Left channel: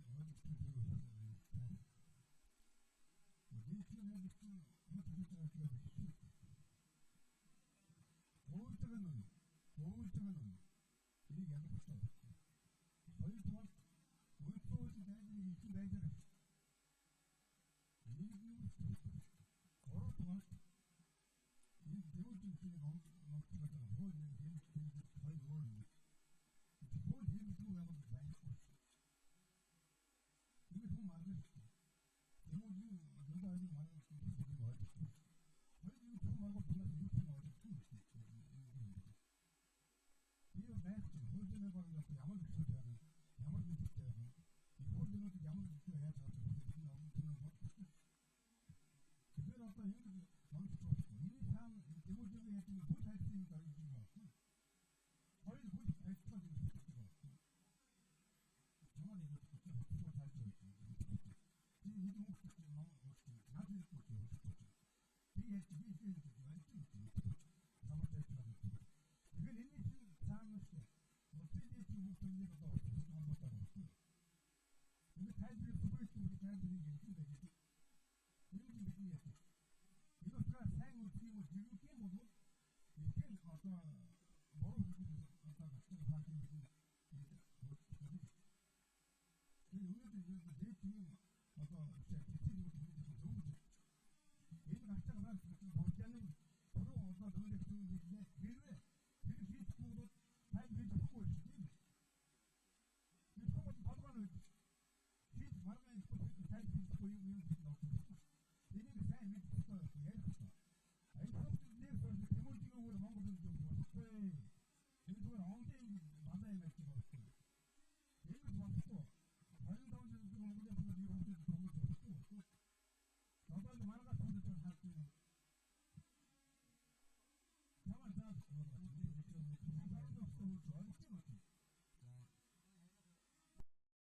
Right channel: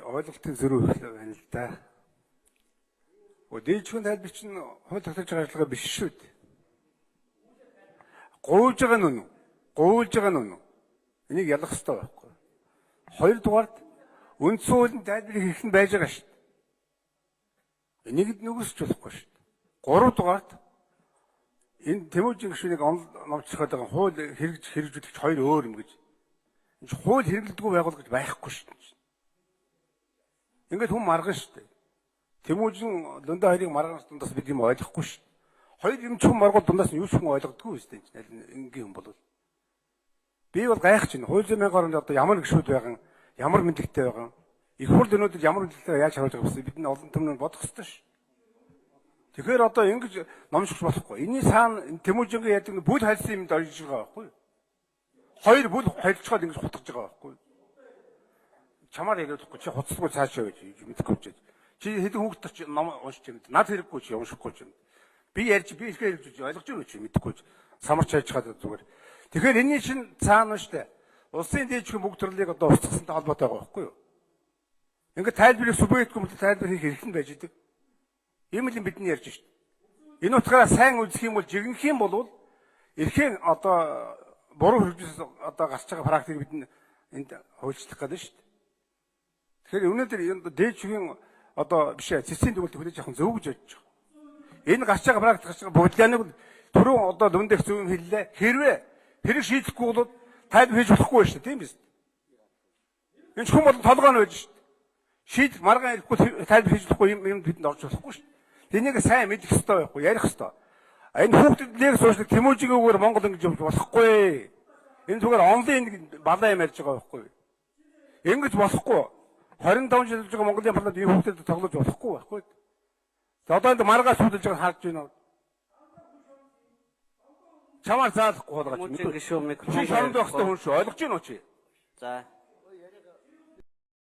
ойлголтын зөрүү байна л да. Дээдчүүн тайлбар чинь хууль тогтоож байгаа ажиллагаа биш шүү дээ. Гуйж байгаа нь үнэн. Гуйж байгаа нь үнэн. Энийг ялах хэрэгтэй байхгүй. Хоёрдугаард үндсэн хуулийн тайлбарыг хийх нь байж байгаа шүү дээ. Энийг нүгсч болохгүй шүү дээ. Гуравдугаард энэ Тэмүүжин гишүүнийг номчлоход байгаа хууль хэрэгжүүлэгч хоёр өөр юм гэж. Энэ хууль хэрэглэдэггүй байгуул гэж байхгүй шүү дээ. Ингээд хүн маргана шүү дээ. Тэмүүжин Лондо хоёрыг маргана дундаас бид юм ойлгохгүй шүү дээ. Хоёр юм ч хүн маргуул дундаас нь юу ч хүн ойлгодоггүй шүү дээ. Энгийн хүн бол. Би бол гайхаж байна. Хууль зүйн орнд одоо ямар гишүүд байгаа, ямар мэдлэгтэй байгаа. Их хурд өнөөдөр ямар мэдлэгтэй яаж харуулж байгаа вэ? Бид энэ олон түмнээ бодох хэрэгтэй шүү. Тэгэхээр одоо ингэж номшигч болохгүй. Энийн цаана Тэмүүжингийн яадаг бүл хайлсан юмд орж байгаа байхгүй юу? Хоёр бүл хайлцгаад ингэж хутгаж байгаа байхгүй юу? Чамаар ярихгүй чи хуцсгүй цаашаа гэж мэдэхгүй ч. Чи хэдэн хүүхэд чи ном уншиж байна. Над хэрэггүй чи уншихгүй ч. Би ярьж би ихэ хэлж ойлгож байна чи мэдэхгүй ч. Самарч хайж чад зүгээр. Тэгэхээр энэний чинь цаана штэ. Улсын дээдчгийн бүгд төрлийг одоо устгасантай холбоотой байгаа байхгүй юу? Ингээд тайлбарыг субъектгүй мөн тайлбар хийх эрх нь байж идэг. Ийм л бидний ярьж штэ. Энэ утгаараа сайн үзэх юм бол жигнэх юм бол эрхийн одоо буруу хэрэгжүүлж одоо гарч байгаа практик бид энд хуульчлах гэдэг штэ. Тэгэхээр өнөөдөр дээдчгийн одоо биш цэцгийн төгөлд хүлээж авах зөв гэж бодож байгаа. Энэ гарч байгаа практик гарч байгаа бодлооныг түрүүн одоо дүндэх зөв юм хэллээ. Хэрвээ хэрэг шийдэхгүй бол тайлбар хийж болохгүй шүү дээ, тийм биз? Энэ ч хүн бол толгой нь байж шүү дээ. Шийд маргаан ирэхгүй тайлбар хийж болохгүй юм бидэнд орж болохгүй шүү дээ. Тэнийг сайн мэдэх хэрэгтэй байхгүй, ярих хэрэгтэй. Энэ хүүхдүүдийг суурьшдаг Тэмүүжигээр Монгол ингэж явж болохгүй. Энэ зүгээр онлайн балаа юм ярьж байгаа байхгүй. Ингэж болохгүй. 25 жил болж байгаа Монголын парламент ийм хүүхдэд тоглож болохгүй байхгүй. За одоо энэ маргаас судалж байгааг харж байна. Чамаар заалахгүй болгооч. Чи шоронд байх хэрэгтэй хүн шүү. Ойлгож байна уу чи? За